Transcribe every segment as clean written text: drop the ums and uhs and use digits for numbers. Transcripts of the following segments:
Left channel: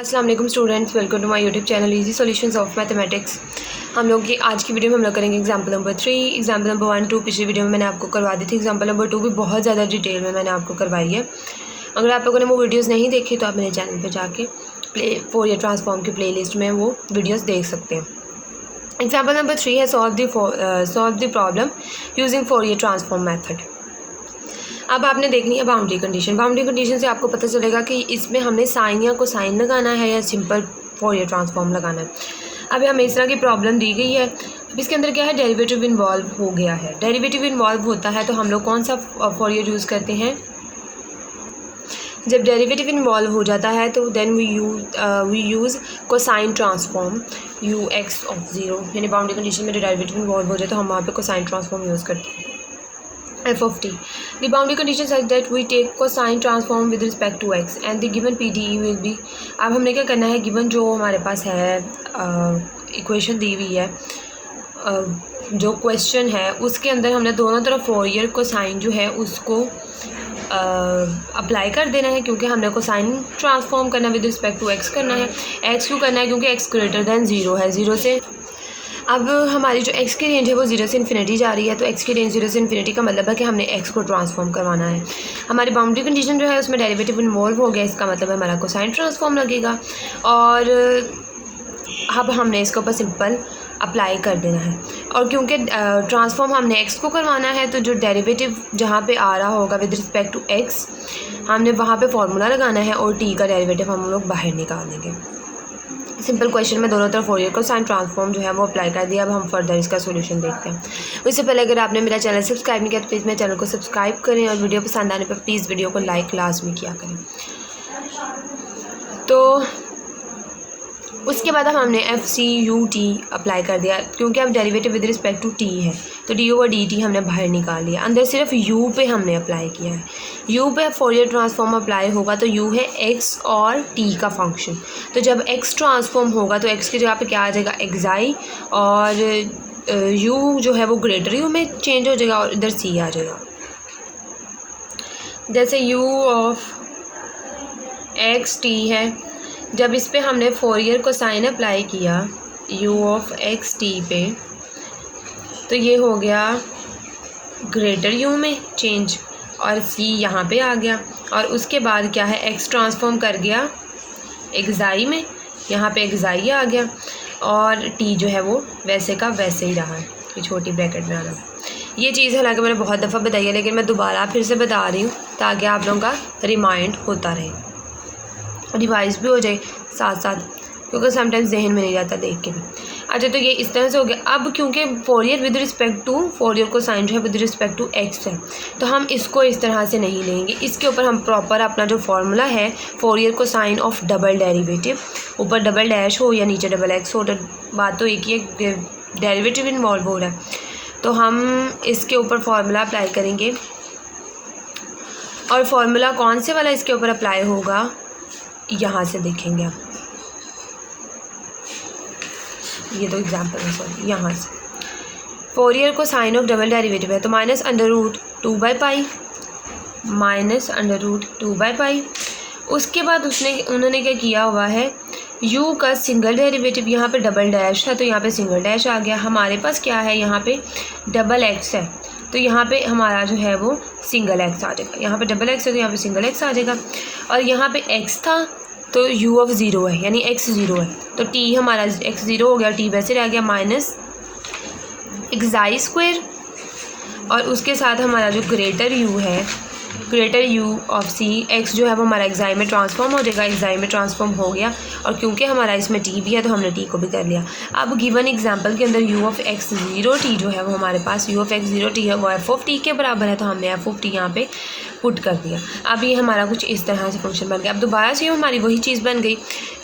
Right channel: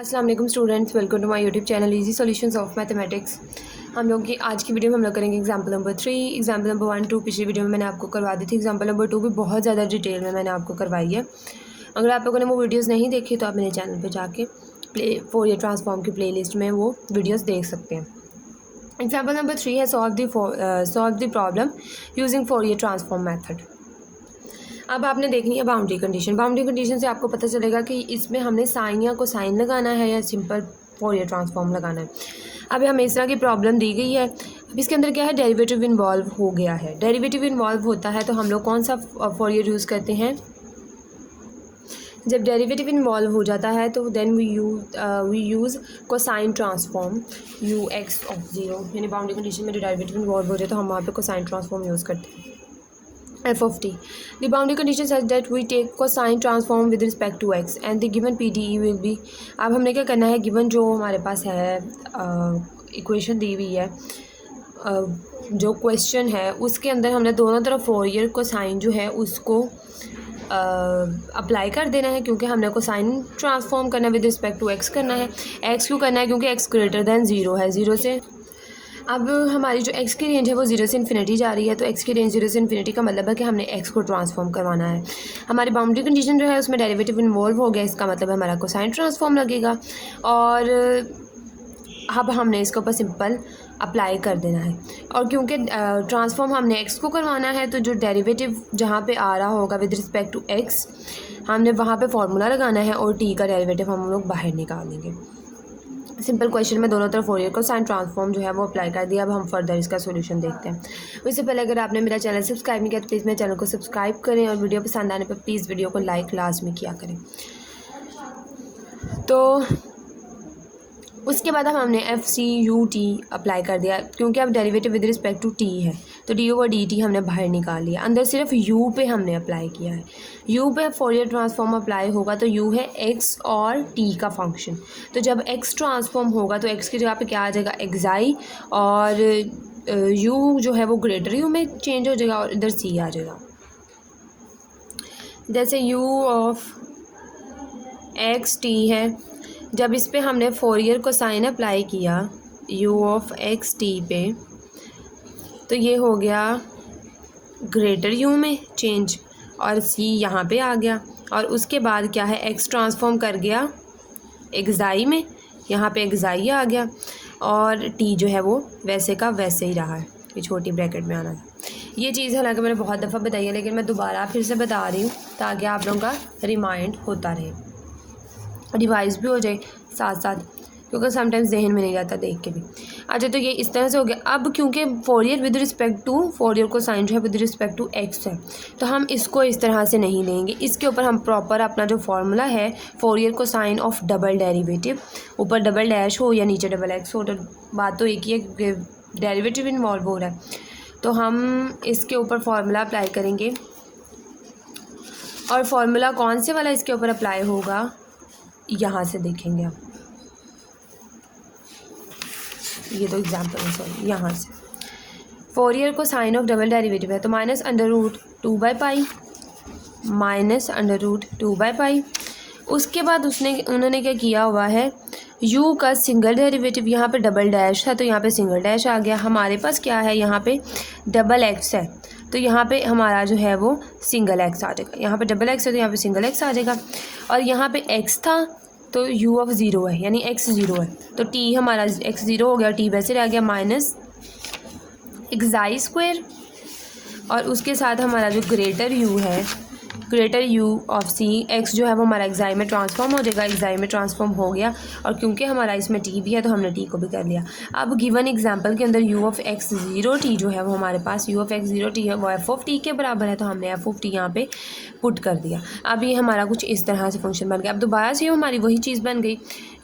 अस्सलाम वालेकुम students, welcome to my YouTube channel easy solutions of mathematics. हम लोग की आज की वीडियो में हम लोग करेंगे एग्जाम्पल नंबर 3, एग्जाम्पल नंबर 1, 2 पिछली वीडियो में मैंने आपको करवा दी थी। एग्जाम्पल नंबर 2 भी बहुत ज़्यादा डिटेल में मैंने आपको करवाई है। अगर आप लोगों ने वो वीडियोज़ नहीं देखी तो आप मेरे चैनल पर जाके फोरियर ट्रांसफॉर्म की प्ले लिस्ट में वो वीडियोज़ देख सकते हैं। एग्जाम्पल नंबर 3 है solve the problem using Fourier transform method. अब आपने देखनी है बाउंड्री कंडीशन। बाउंड्री कंडीशन से आपको पता चलेगा कि इसमें हमने साइन या कोसाइन लगाना है या सिंपल फोरियर ट्रांसफॉर्म लगाना है। अब हमें इस तरह की प्रॉब्लम दी गई है। अब इसके अंदर क्या है, डेरिवेटिव इन्वॉल्व हो गया है। डेरिवेटिव इन्वॉल्व होता है तो हम लोग कौन सा फोरियर यूज़ करते हैं? जब डेरिवेटिव इन्वॉल्व हो जाता है तो then we use cosine transform u x of zero, यानी बाउंड्री कंडीशन में जो डेरिवेटिव इन्वॉल्व हो जाए तो हम वहाँ पे कोसाइन ट्रांसफॉर्म यूज़ करते हैं। f of t. The boundary condition such that we take cosine transform with respect to x and the given PDE will be। अब हमने क्या करना है, गिवन जो हमारे पास है इक्वेशन दी हुई है, जो क्वेश्चन है उसके अंदर हमने दोनों तरफ फोरियर कोसाइन जो है उसको अप्लाई कर देना है, क्योंकि हमने कोसाइन ट्रांसफॉर्म करना विद रिस्पेक्ट टू एक्स करना है। एक्स क्यों करना है? क्योंकि एक्स ग्रेटर दैन ज़ीरो है। ज़ीरो से अब हमारी जो x की रेंज है वो 0 से इन्फिनिटी जा रही है, तो x की रेंज 0 से इन्फिनिटी का मतलब है कि हमने x को ट्रांसफॉर्म करवाना है। हमारी बाउंड्री कंडीशन जो है उसमें डेरिवेटिव इन्वॉल्व हो गया, इसका मतलब हमारा कोसाइन ट्रांसफॉर्म लगेगा और अब हमने इसके ऊपर सिंपल अप्लाई कर देना है। और क्योंकि ट्रांसफॉर्म हमने x को करवाना है तो जो डेरिवेटिव जहाँ पे आ रहा होगा विद रिस्पेक्ट टू x हमने वहाँ पे फार्मूला लगाना है और t का डेरिवेटिव हम लोग बाहर निकाल देंगे। सिंपल क्वेश्चन में दोनों तरफ फोरियर कोसाइन ट्रांसफॉर्म जो है वो अप्लाई कर दिया। अब हम फर्दर इसका सॉल्यूशन देखते हैं। उससे पहले अगर आपने मेरा चैनल सब्सक्राइब नहीं किया तो प्लीज़ मेरे चैनल को सब्सक्राइब करें और वीडियो पसंद आने पर प्लीज़ वीडियो को लाइक लाजमी किया करें। तो उसके बाद अब हमने FCUT अप्लाई कर दिया, क्योंकि अब derivative with respect to t है तो d/dt हमने बाहर निकाल लिया। अंदर सिर्फ u पे हमने अप्लाई किया है। u पे फोरियर ट्रांसफॉर्म अप्लाई होगा तो u है x और t का फंक्शन। तो जब x ट्रांसफॉर्म होगा तो x की जगह पे क्या आ जाएगा, xi, और u जो है वो ग्रेटर u में चेंज हो जाएगा और इधर c आ जाएगा। जैसे u ऑफ x t है, जब इस पे हमने फोरियर कोसाइन अप्लाई किया u ऑफ x t पे तो ये हो गया ग्रेटर u में चेंज और c यहाँ पे आ गया। और उसके बाद क्या है, x ट्रांसफॉर्म कर गया xi में, यहाँ पे xi आ गया और t जो है वो वैसे का वैसे ही रहा है, ये छोटी ब्रैकेट में आ रहा है। ये चीज़ हालांकि मैंने बहुत दफ़ा बताई है लेकिन मैं दोबारा फिर से बता रही हूँ ताकि आप लोगों का रिमाइंड होता रहे, रिवाइज भी हो जाए साथ साथ, क्योंकि समटाइम्स जहन में नहीं जाता देख के भी। अच्छा, तो ये इस तरह से हो गया। अब क्योंकि Fourier with respect to Fourier cosine जो है विद रिस्पेक्ट टू एक्स है तो हम इसको इस तरह से नहीं लेंगे। इसके ऊपर हम प्रॉपर अपना जो फार्मूला है Fourier cosine of double derivative, ऊपर डबल डैश हो या नीचे डबल एक्स हो, तो बात तो एक ही है, डेरिवेटिव इन्वॉल्व हो रहा है, तो हम इसके ऊपर फार्मूला अप्लाई करेंगे। और फार्मूला कौन से वाला इसके ऊपर अप्लाई होगा यहाँ से देखेंगे आप, ये तो एग्जाम्पल है, सॉरी, यहाँ से फोरियर को साइन ऑफ डबल डेरिवेटिव है तो -√2/π -√2/π। उसके बाद उन्होंने क्या किया हुआ है, u का सिंगल डेरिवेटिव, यहाँ पे डबल डैश है तो यहाँ पे सिंगल डैश आ गया। हमारे पास क्या है, यहाँ पे डबल x है तो यहाँ पे हमारा जो है वो सिंगल x आ जाएगा। यहाँ पे डबल x है तो यहाँ पे सिंगल x आ जाएगा। और यहाँ पे x था तो u ऑफ ज़ीरो है, यानी x ज़ीरो है तो t हमारा x ज़ीरो हो गया, t वैसे रह गया -xi²। और उसके साथ हमारा जो ग्रेटर u है, greater u of c, x जो है वो हमारा xi में ट्रांसफॉर्म हो जाएगा, xi में ट्रांसफॉर्म हो गया। और क्योंकि हमारा इसमें t भी है तो हमने t को भी कर लिया। अब गिवन एग्जांपल के अंदर u ऑफ x0t जो है वो हमारे पास u ऑफ x0t है वो f ऑफ t के बराबर है, तो हमने f ऑफ t यहाँ पे पुट कर दिया। अब ये हमारा कुछ इस तरह से फंक्शन बन गया। अब दोबारा से हमारी वही चीज़ बन गई।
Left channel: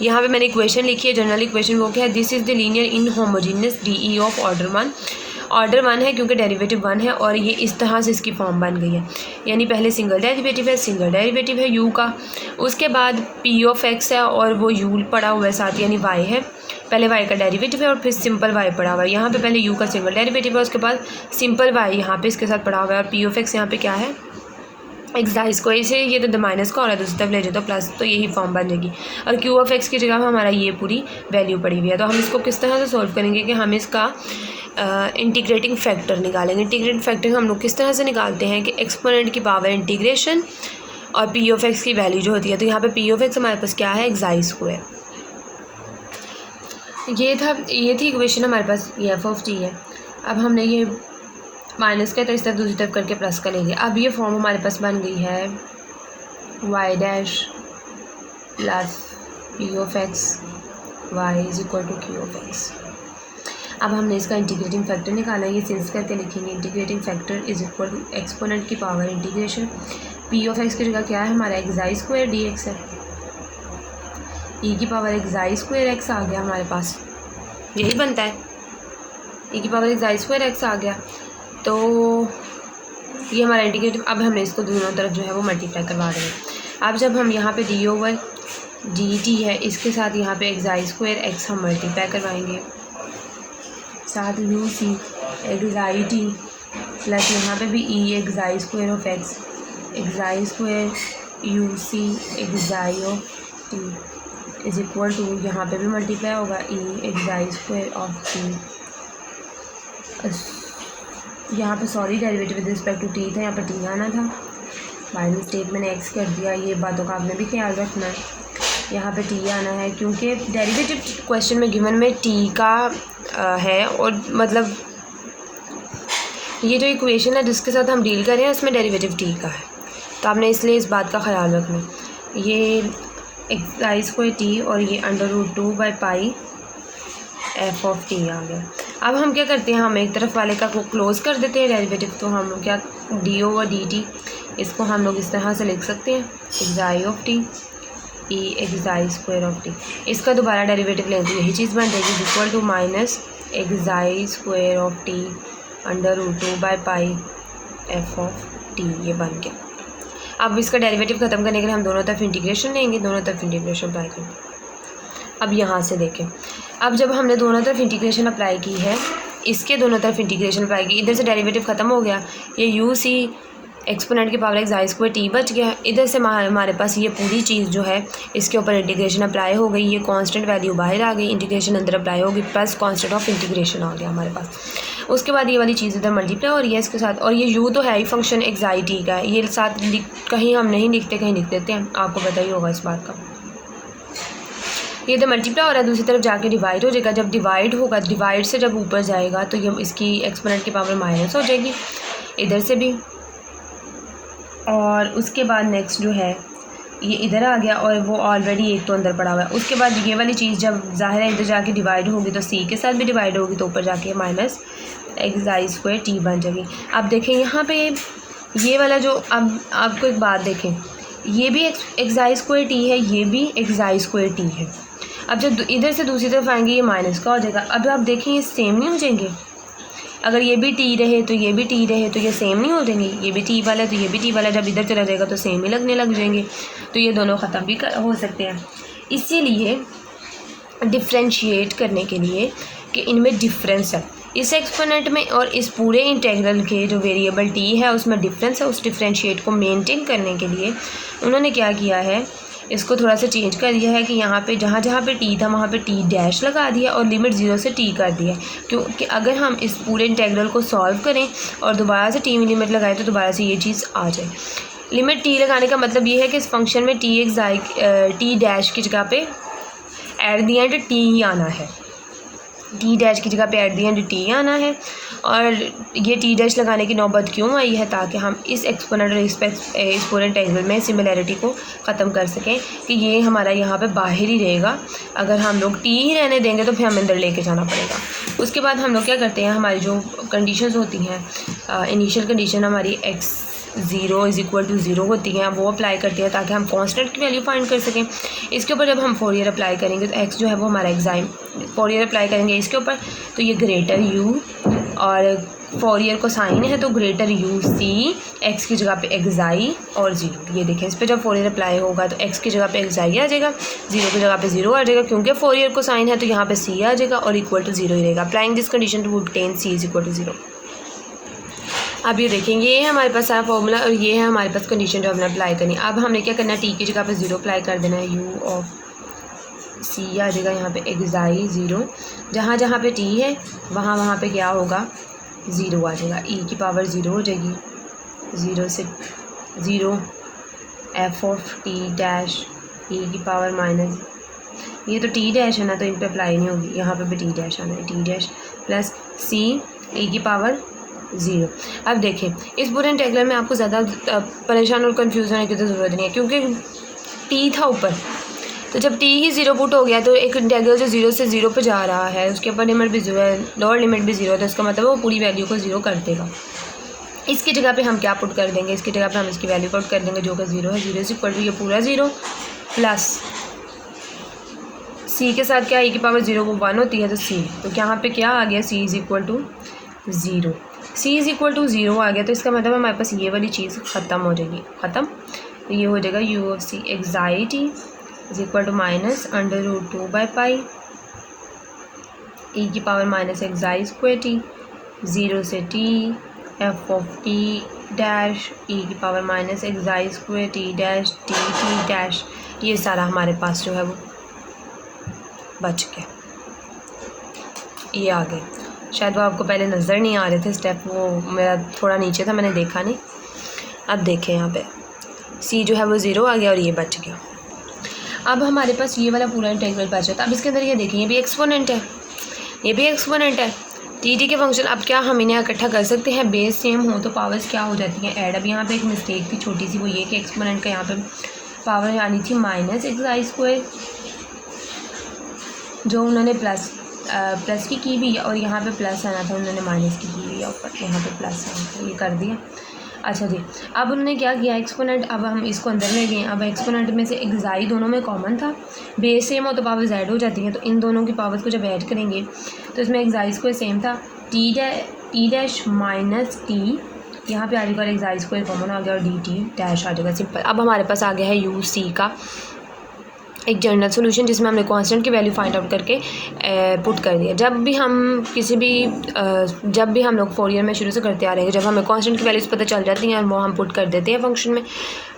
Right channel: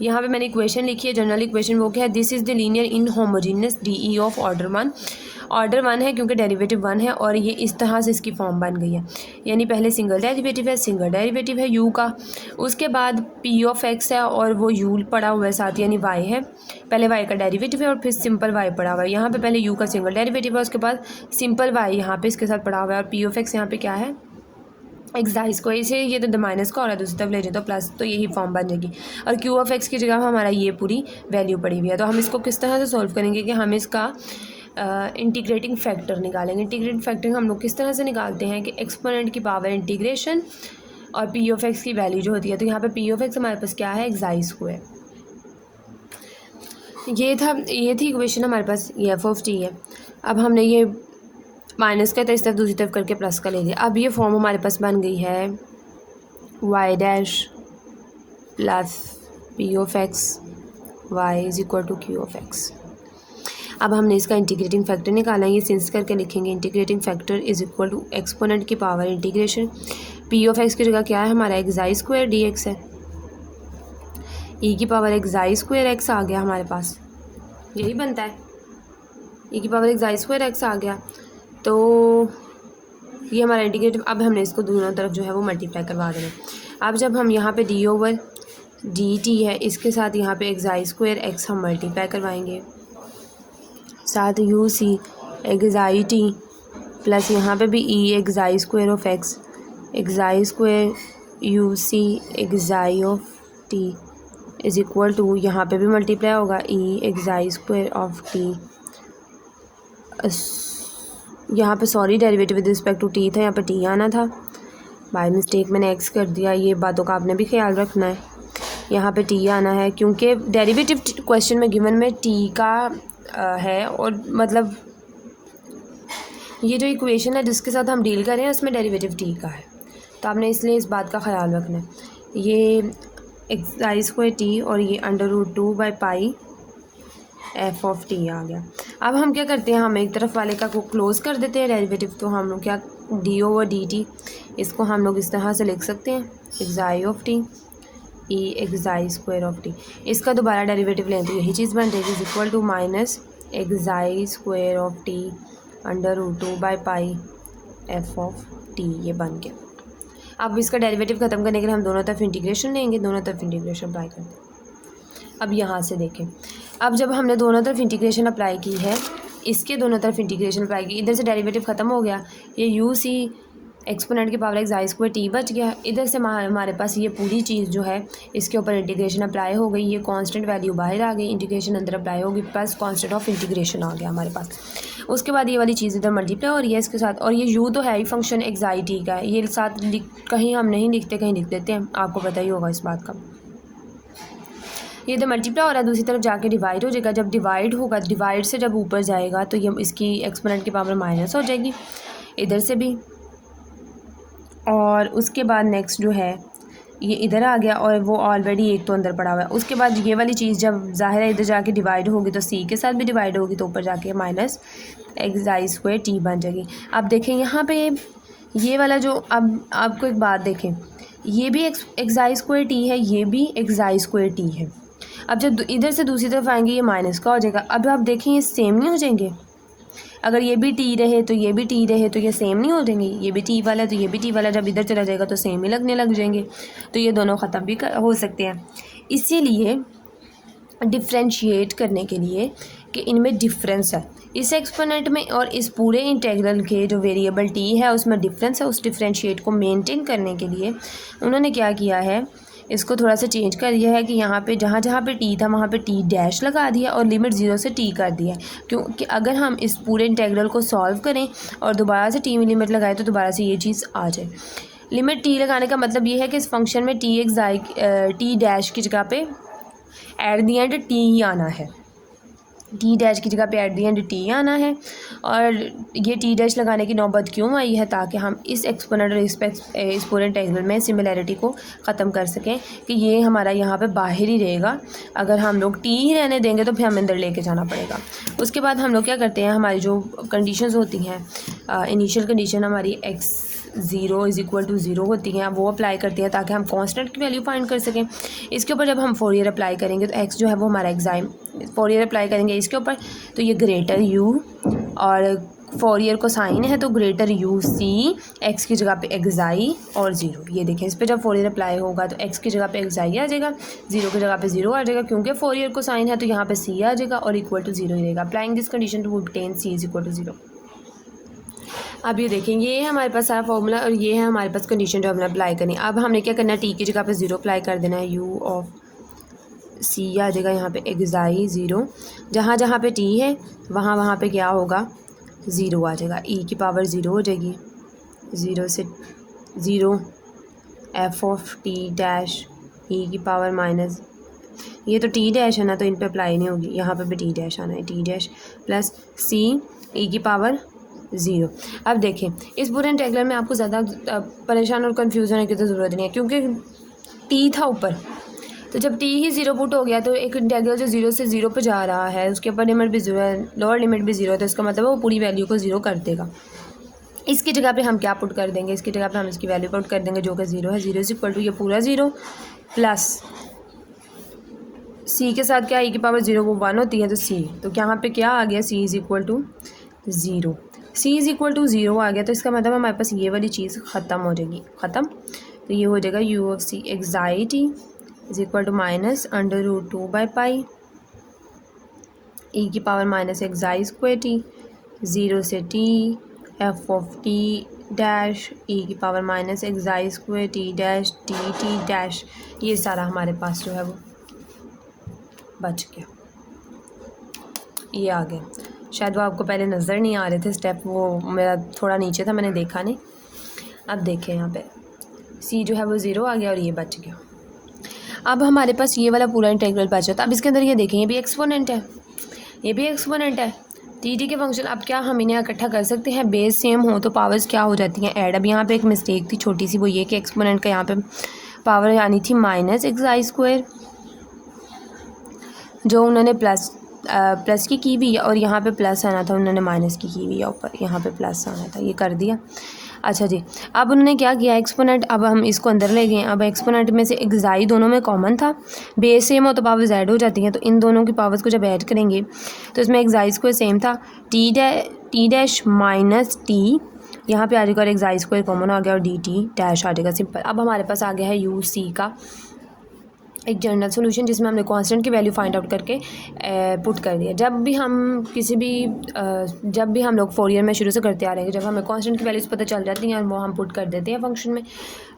यहाँ पे मैंने इक्वेशन लिखी है, जनरल इक्वेशन वो क्या है, this is the linear inhomogeneous DE of order 1। Order 1 है क्योंकि डेरिवेटिव 1 है और ये इस तरह से इसकी फॉर्म बन गई है, यानी पहले सिंगल डेरिवेटिव है u का, उसके बाद p ऑफ x है और वो u पड़ा हुआ है साथ, यानी y है, पहले y का डेरिवेटिव है और फिर सिंपल y पड़ा हुआ है। यहाँ पे पहले u का सिंगल डेरिवेटिव है, उसके बाद सिंपल y यहाँ पे इसके साथ पड़ा हुआ है और p ऑफ x यहाँ पे क्या है, एक्साइज को इसे ये तो माइनस का हो रहा है, दूसरी तरफ ले जाए तो प्लस, तो यही फॉर्म बन जाएगी। और क्यू ऑफ एक्स की जगह हमारा ये पूरी वैल्यू पड़ी हुई है। तो हम इसको किस तरह से सॉल्व करेंगे कि हम इसका इंटीग्रेटिंग फैक्टर निकालेंगे। इंटीग्रेटिंग फैक्टर हम लोग किस तरह से निकालते हैं कि एक्सपोनेंट की पावर इंटीग्रेशन और पी ऑफ एक्स की वैल्यू जो होती है, तो यहाँ पे पी ऑफ एक्स हमारे पास क्या है, एक्साइज स्क्वायर। ये थी इक्वेशन हमारे पास, ये एफ ऑफ टी है। अब हमने ये माइनस का था, इस तरह दूसरी तरफ करके प्लस का लेंगे। अब ये फॉर्म हमारे पास बन गई है y dash plus P of x y is equal to Q of x. अब हमने इसका इंटीग्रेटिंग फैक्टर निकाला है, ये सेंस करके लिखेंगे। Integrating factor is equal to exponent की power integration, P of X की जगह क्या है हमारा, एक्साइज स्क्वायर डी एक्स है, ई की पावर एक्साइज स्क्वायर एक्स आ गया हमारे पास, यही बनता है, ई की पावर एक्साइज स्क्वायर एक्स आ गया। तो ये हमारा इंटीग्रेटिव। अब हमने इसको दोनों तरफ जो है वो मल्टीप्लाई करवा रहे हैं। अब जब हम यहाँ पे डी ओवर डी टी है, इसके साथ यहाँ पे एक्साइज स्क्वायर एक्स हम मल्टीप्लाई करवाएंगे, साथ U C xi T plus यहाँ पे भी e xi square of X, xi square U C xi of T is equal to, यहाँ पे भी मल्टीप्लाई होगा e xi square of T. यहाँ पे sorry derivative with respect to T था, यहाँ पे टी आना था, बाय मिस्टेक मैंने एक्स कर दिया। ये बातों का आपने भी ख्याल रखना है, यहाँ पे टी आना है क्योंकि डेरिवेटिव क्वेश्चन में गिवन में टी का है, और मतलब ये जो इक्वेशन है जिसके साथ हम डील कर रहे हैं इसमें डेरिवेटिव टी का है, तो आपने इसलिए इस बात का ख्याल रखना है। ये एक्साई स्क्वायर टी और ये under root 2 by pi F of T आ गया। अब हम क्या करते हैं, हम एक तरफ वाले का को क्लोज कर देते हैं डेरिवेटिव, तो हम लोग क्या डी ओवर डी टी, इसको हम लोग इस तरह से लिख सकते हैं xi of t e xi square of t. इसका दोबारा डेरिवेटिव लेंगे तो यही चीज़ बन जाएगी, equal to minus xi square of t under root 2 by pi F of t, ये बन के। अब इसका डेरिवेटिव ख़त्म करने के लिए हम दोनों तरफ इंटीग्रेशन लेंगे, दोनों तरफ इंटीग्रेशन अप्लाई करेंगे। अब यहाँ से देखें, अब जब हमने दोनों तरफ इंटीग्रेशन अप्लाई की है, इसके दोनों तरफ इंटीग्रेशन अप्लाई की, इधर से डेरिवेटिव ख़त्म हो गया, ये यू सी एक्सपोनेंट की पावर एक्साई स्क्वायर टी बच गया। इधर से हमारे पास ये पूरी चीज़ जो है इसके ऊपर इंटीग्रेशन अप्लाई हो गई, ये कांस्टेंट वैल्यू बाहर आ गई, इंटीग्रेशन अंदर अप्लाई होगी, प्लस कांस्टेंट ऑफ इंटीग्रेशन आ गया हमारे पास। उसके बाद ये वाली चीज़ इधर मल्टीप्लाई हो रही है इसके साथ, और ये यू तो है ही फंक्शन एक्साई टी का, ये साथ कहीं हम नहीं लिखते कहीं लिख देते हैं, आपको पता ही होगा इस बात का। ये तो मल्टीप्लाई हो रहा है, दूसरी तरफ जाके डिवाइड हो जाएगा, जब डिवाइड होगा, डिवाइड से जब ऊपर जाएगा तो ये इसकी एक्सपोनेंट की पावर माइनस हो जाएगी इधर से भी, और उसके बाद नेक्स्ट जो है ये इधर आ गया, और वो ऑलरेडी एक तो अंदर पड़ा हुआ है। उसके बाद ये वाली चीज़ जब ज़ाहिर है इधर जाके डिवाइड होगी तो सी के साथ भी डिवाइड होगी, तो ऊपर जाके माइनस एक्साई स्क्वायर टी बन जाएगी। अब देखें यहाँ पे ये वाला जो, अब आपको एक बात देखें, ये भी एक्साई स्क्वायर टी है, ये भी एक्साई स्क्वायर टी है। अब जब इधर से दूसरी तरफ आएंगे ये माइनस का हो जाएगा। अब आप देखें ये सेम नहीं हो जाएंगे, अगर ये भी टी रहे तो ये भी टी रहे तो ये सेम नहीं हो जाएंगे, ये भी टी वाला तो ये भी टी वाला, जब इधर चला जाएगा तो सेम ही लगने लग जाएंगे, तो ये दोनों ख़त्म भी हो सकते हैं। इसीलिए डिफ्रेंशिएट करने के लिए कि इनमें डिफरेंस है, इस एक्सपोनेंट में और इस पूरे इंटीग्रल के जो वेरिएबल टी है उसमें डिफरेंस है, उस डिफ्रेंशिएट को मेंटेन करने के लिए उन्होंने क्या किया है, इसको थोड़ा सा चेंज कर दिया है कि यहाँ पे जहाँ जहाँ पे टी था वहाँ पे टी डैश लगा दिया और लिमिट 0 से टी कर दिया, क्योंकि अगर हम इस पूरे इंटीग्रल को सॉल्व करें और दोबारा से टी में लिमिट लगाए तो दोबारा से ये चीज़ आ जाए। लिमिट टी लगाने का मतलब ये है कि इस फंक्शन में टी डैश की जगह पे एट दी एंड टी ही आना है, टी डैश की जगह पे एट दी एंड टी आना है। और ये टी डैश लगाने की नौबत क्यों आई है, ताकि हम इस एक्सपोनेंट और इस पूरे इंटीग्रल में सिमिलैरिटी को ख़त्म कर सकें कि ये हमारा यहाँ पे बाहर ही रहेगा, अगर हम लोग टी ही रहने देंगे तो फिर हमें अंदर लेके जाना पड़ेगा। उसके बाद हम लोग क्या करते हैं, हमारी जो कंडीशंस होती हैं, इनिशियल कंडीशन हमारी x 0 इज़ इक्वल टू 0 होती हैं, वो अप्लाई करती हैं ताकि हम कांस्टेंट की वैल्यू फाइंड कर सकें। इसके ऊपर जब हम फोरियर अप्लाई करेंगे तो x जो है वो हमारा एक्साइम, फोरियर अप्लाई करेंगे इसके ऊपर तो ये ग्रेटर u, और फोरियर को साइन है तो ग्रेटर यू सी, एक्स की जगह पे एक्साई और 0। ये देखें, इस पर जब फोरियर अप्लाई होगा तो एक्स की जगह पे एक्साई आ जाएगा, 0 की जगह पे 0 आ जाएगा, क्योंकि फोरियर को साइन है तो यहाँ पे सी आ जाएगा और इक्वल टू 0 ही रहेगा। Applying this condition to obtain c is equal to 0। अब ये देखेंगे, ये है हमारे पास सारा फॉर्मूला और ये है हमारे पास कंडीशन जो हमने अप्लाई करनी है। अब हमने क्या करना है, टी की जगह पे 0 अप्लाई कर देना है, यू ऑफ सी आ जाएगा यहाँ पे एक्साई 0, जहाँ जहाँ पे टी है वहाँ वहाँ पे क्या होगा, 0 आ जाएगा, ई की पावर 0 हो जाएगी, 0 से 0 F of T dash e की पावर माइनस, ये तो टी डैश है ना तो इन पर अप्लाई नहीं होगी, यहाँ पे भी टी डैश आना है, टी डैश प्लस सी ई की पावर 0। अब देखें, इस पूरे इंटेग्रल में आपको ज़्यादा परेशान और कंफ्यूज होने की तो ज़रूरत नहीं है, क्योंकि टी था ऊपर, तो जब टी ही 0 पुट हो गया तो एक इंटेग्रल जो 0 से 0 पे जा रहा है उसके अपर लिमिट भी 0 है, लोअर लिमिट भी 0 है, तो इसका मतलब वो पूरी वैल्यू को 0 कर देगा। इसकी जगह पे हम क्या पुट कर देंगे, इसकी जगह पे हम इसकी वैल्यू पुट कर देंगे जो कि 0 है, 0 इज इक्वल टू ये पूरा 0 प्लस सी के साथ क्या, ई की पावर 0 वो 1 होती है, तो सी, तो यहाँ पे क्या आ गया, C is equal to 0, C is equal to 0 आ गया, तो इसका मतलब हमारे पास ये वाली चीज़ ख़त्म हो जाएगी, ख़त्म, तो ये हो जाएगा U of C xi T is equal to minus under root 2 by pi e की power minus xi square T 0 से T F of T dash e की power minus xi square T dash T T dash, ये सारा हमारे पास जो है वो बच गया, ये आ गए। शायद वो आपको पहले नज़र नहीं आ रहे थे स्टेप, वो मेरा थोड़ा नीचे था, मैंने देखा नहीं। अब देखें यहाँ पे सी जो है वो 0 आ गया और ये बच गया। अब हमारे पास ये वाला पूरा इंटीग्रल बचा था। अब इसके अंदर ये देखें, ये भी एक्सपोनेंट है, ये भी एक्सपोनेंट है, टी के फंक्शन। अब क्या हम इन्हें इकट्ठा कर सकते हैं, बेस सेम हो तो पावर्स क्या हो जाती हैं, ऐड। अब यहाँ पे एक मिस्टेक थी छोटी सी, वो ये कि एक्सपोनेंट का यहाँ पे पावर आनी थी माइनस एक्साई स्क्वायर, जो उन्होंने प्लस की भी, और यहाँ पे प्लस आना था, उन्होंने माइनस की हुई है ऊपर, यहाँ पे प्लस आना था, ये कर दिया। अच्छा जी, अब उन्होंने क्या किया, एक्सपोनेंट, अब हम इसको अंदर ले गए। अब एक्सपोनेंट में से एक्साई दोनों में कॉमन था, बेस सेम हो तो पावर्स ऐड हो जाती हैं, तो इन दोनों की पावर्स को जब ऐड करेंगे तो इसमें एक्साई स्क्वायर सेम था, टी डैश माइनस टी, यहाँ पे आ जाएगा एक्साई स्क्वायर कॉमन आ गया और डी टी डैश आ जाएगा, सिंपल। अब हमारे पास आ गया है यू सी का एक जनरल सोल्यूशन, जिसमें हमने कांस्टेंट की वैल्यू फाइंड आउट करके पुट कर दिया। जब भी हम लोग फोरियर में शुरू से करते आ रहे हैं, जब हमें कांस्टेंट की वैल्यूज़ पता चल जाती हैं वो हम पुट कर देते हैं फंक्शन में,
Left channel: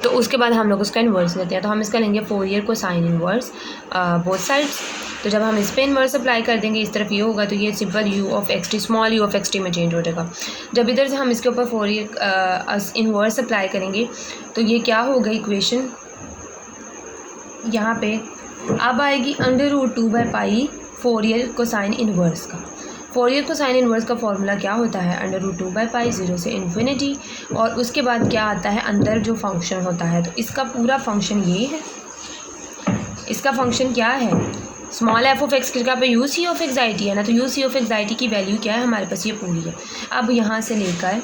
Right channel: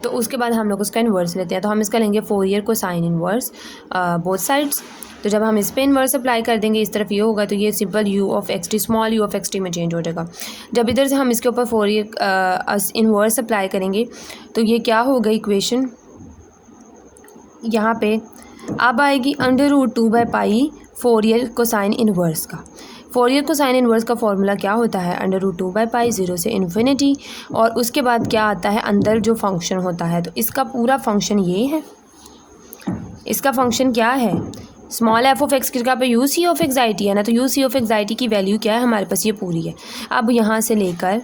तो उसके बाद हम लोग उसका इन्वर्स लेते हैं। तो हम इसका लेंगे फोरियर को साइन इन्वर्स बोथ साइड्स। तो जब हम इस पर इन्वर्स अप्लाई कर देंगे, इस तरफ ये होगा, तो ये simple you of x T, small you of x T में चेंज हो जाएगा। जब इधर से हम इसके ऊपर फोरियर इन्वर्स अप्लाई करेंगे तो ये क्या होगा, इक्वेशन यहाँ पे अब आएगी under root 2 by pi Fourier cosine inverse का। फोरियर कोसाइन इन्वर्स का फॉर्मूला क्या होता है, अंडर रूट 2 बाई पाई 0 से इन्फिनिटी, और उसके बाद क्या आता है, अंदर जो फंक्शन होता है, तो इसका पूरा फंक्शन ये है। इसका फंक्शन क्या है, स्मॉल एफ ऑफ एक्स की जगह पे यू सी ऑफ एक्साइटी है ना, तो यू सी ऑफ एक्साइटी की वैल्यू क्या है हमारे पास, ये पूरी है। अब यहाँ से लेकर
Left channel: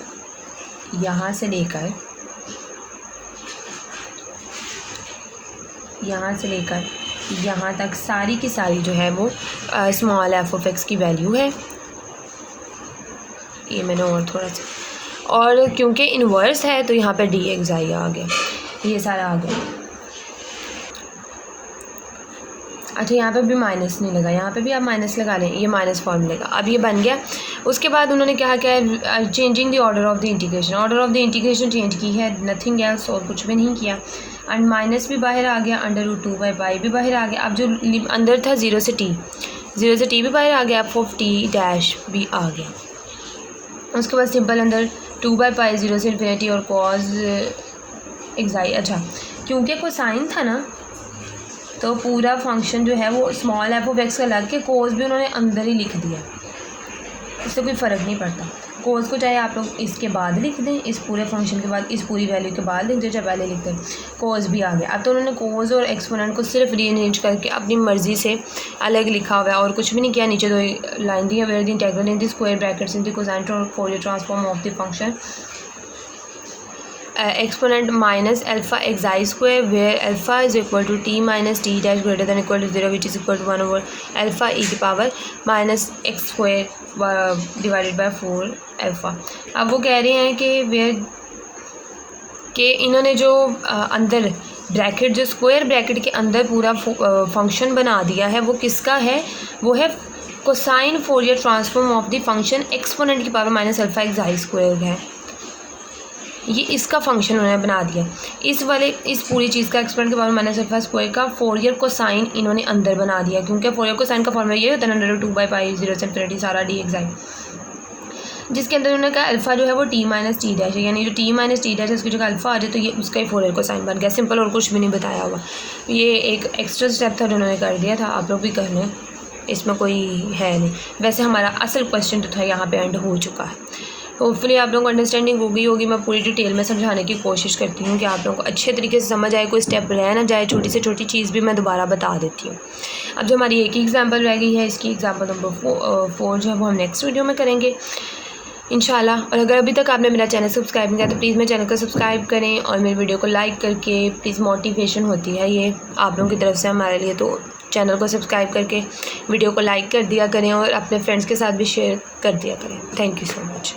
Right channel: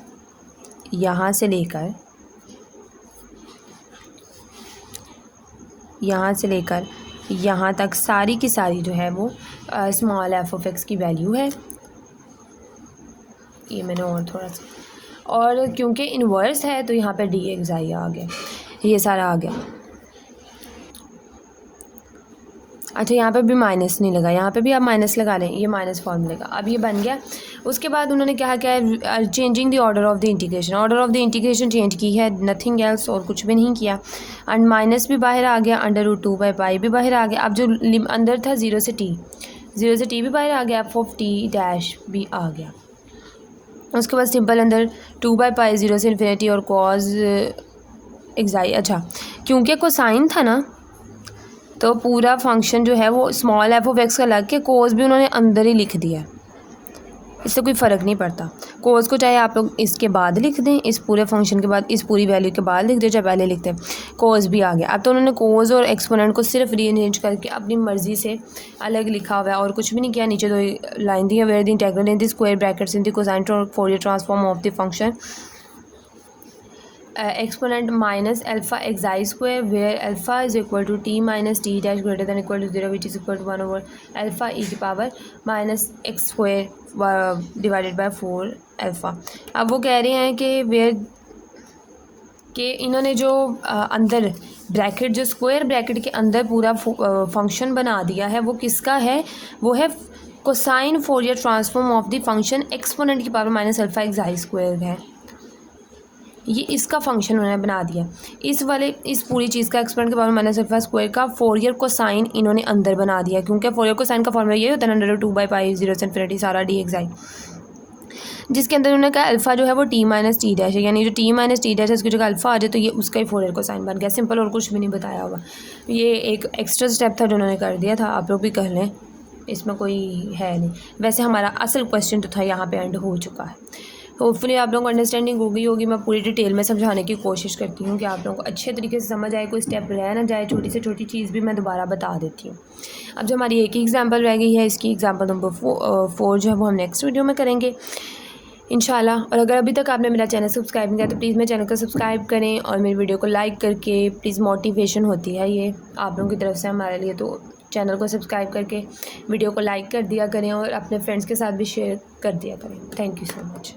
यहाँ तक सारी की सारी जो है वो स्मॉल एफ ऑफ एक्स की वैल्यू है। ये मैंने और थोड़ा सा, और क्योंकि इन्वर्स है तो यहाँ पे डी एक्साई आ गया, ये सारा आ गया। अच्छा, यहाँ पे भी माइनस नहीं लगा, यहाँ पे भी आप माइनस लगा लें, ये माइनस फॉर्म लगा। अब ये बन गया। उसके बाद उन्होंने कहा क्या है, changing the order of the integration, order of the integration change की है, नथिंग एल्स, और कुछ भी नहीं किया। एंड माइनस भी बाहर आ गया, अंडर रूट 2 बाई पाई भी बाहर आ गया। अब जो अंदर था 0 से टी भी बाहर आ गया, एफ ऑफ टी डैश भी आ गया। उसके बाद सिंपल अंदर 2 बाई पाई 0 से इन्फिनिटी और कॉज एक्साई। अच्छा, क्योंकि कोसाइन था ना, तो पूरा फंक्शन जो है वो स्मॉल एफ ऑफ एक्स का लग के कोस भी उन्होंने अंदर ही लिख दिया, इससे कोई फ़र्क नहीं पड़ता। कोस को चाहे आप लोग इसके बाद लिख दें, इस पूरे फंक्शन के बाद, इस पूरी वैल्यू के बाद लिख दें, चाहे पहले लिख दें, कोस भी आ गया। अब तो उन्होंने कोस और एक्सपोनेंट को सिर्फ रीअरेंज करके अपनी मर्ज़ी से अलग लिखा हुआ है और कुछ भी नहीं किया। नीचे दो लाइन दी है, where the integral in the square brackets in the cosine Fourier transform of the function exponent minus alpha xi square, where alpha is equal to t minus t dash greater than equal to 0, which is equal to 1 over alpha e की power minus x square divided by 4 alpha. अब वो कह रहे हैं कि where के इन्होंने जो अंदर ब्रैकेट, जो स्क्वायर ब्रैकेट के अंदर पूरा फंक्शन बना दिया है, वो किसका है, वो है cosine Fourier transform of the function exponent की power minus alpha xi square है। ये इसका फंक्शन उन्होंने बना दिया। इस पूरी चीज़ का एक्सपेरिमेंट के बारे में माइनस अल्फा स्क्वायर का फोरियर कोसाइन इन्होंने अंदर बना दिया, क्योंकि फोरियर कोसाइन का फॉर्मूला ये होता है √2/π0 सारा dxi, जिसके अंदर उन्होंने कहा अल्फ़ा जो है वो t माइनस टी डैश है, यानी जो t माइनस टी डैश है उसकी जगह अल्फ़ा आ जाए तो ये उसका ही फोरियर कोसाइन बन गया। सिंपल, और कुछ भी नहीं बताया हुआ। ये एक एक्स्ट्रा स्टेप था जो उन्होंने कर दिया था, आप लोग भी कर लें, इसमें कोई है नहीं। वैसे हमारा असल क्वेश्चन तो था यहाँ पे एंड हो चुका है। होपफुली आप लोगों को अंडरस्टैंडिंग होगी। मैं पूरी डिटेल में समझाने की कोशिश करती हूँ कि आप लोगों को अच्छे तरीके से समझ आए, कोई स्टेप रह ना जाए। छोटी से छोटी चीज़ भी मैं दोबारा बता देती हूँ। अब जो हमारी एक ही एग्जाम्पल रह गई है, इसकी एग्जाम्पल नंबर 4 जो है वो हम नेक्स्ट वीडियो में करेंगे इंशाल्लाह। और अगर अभी तक आपने मेरा चैनल सब्सक्राइब नहीं किया तो प्लीज़ मेरे चैनल को सब्सक्राइब करें और मेरी वीडियो को लाइक करके प्लीज़, मोटिवेशन होती है ये आप लोगों की तरफ से हमारे लिए। तो चैनल को सब्सक्राइब करके वीडियो को लाइक कर दिया करें और अपने फ्रेंड्स के साथ भी शेयर कर दिया करें। Thank you so much.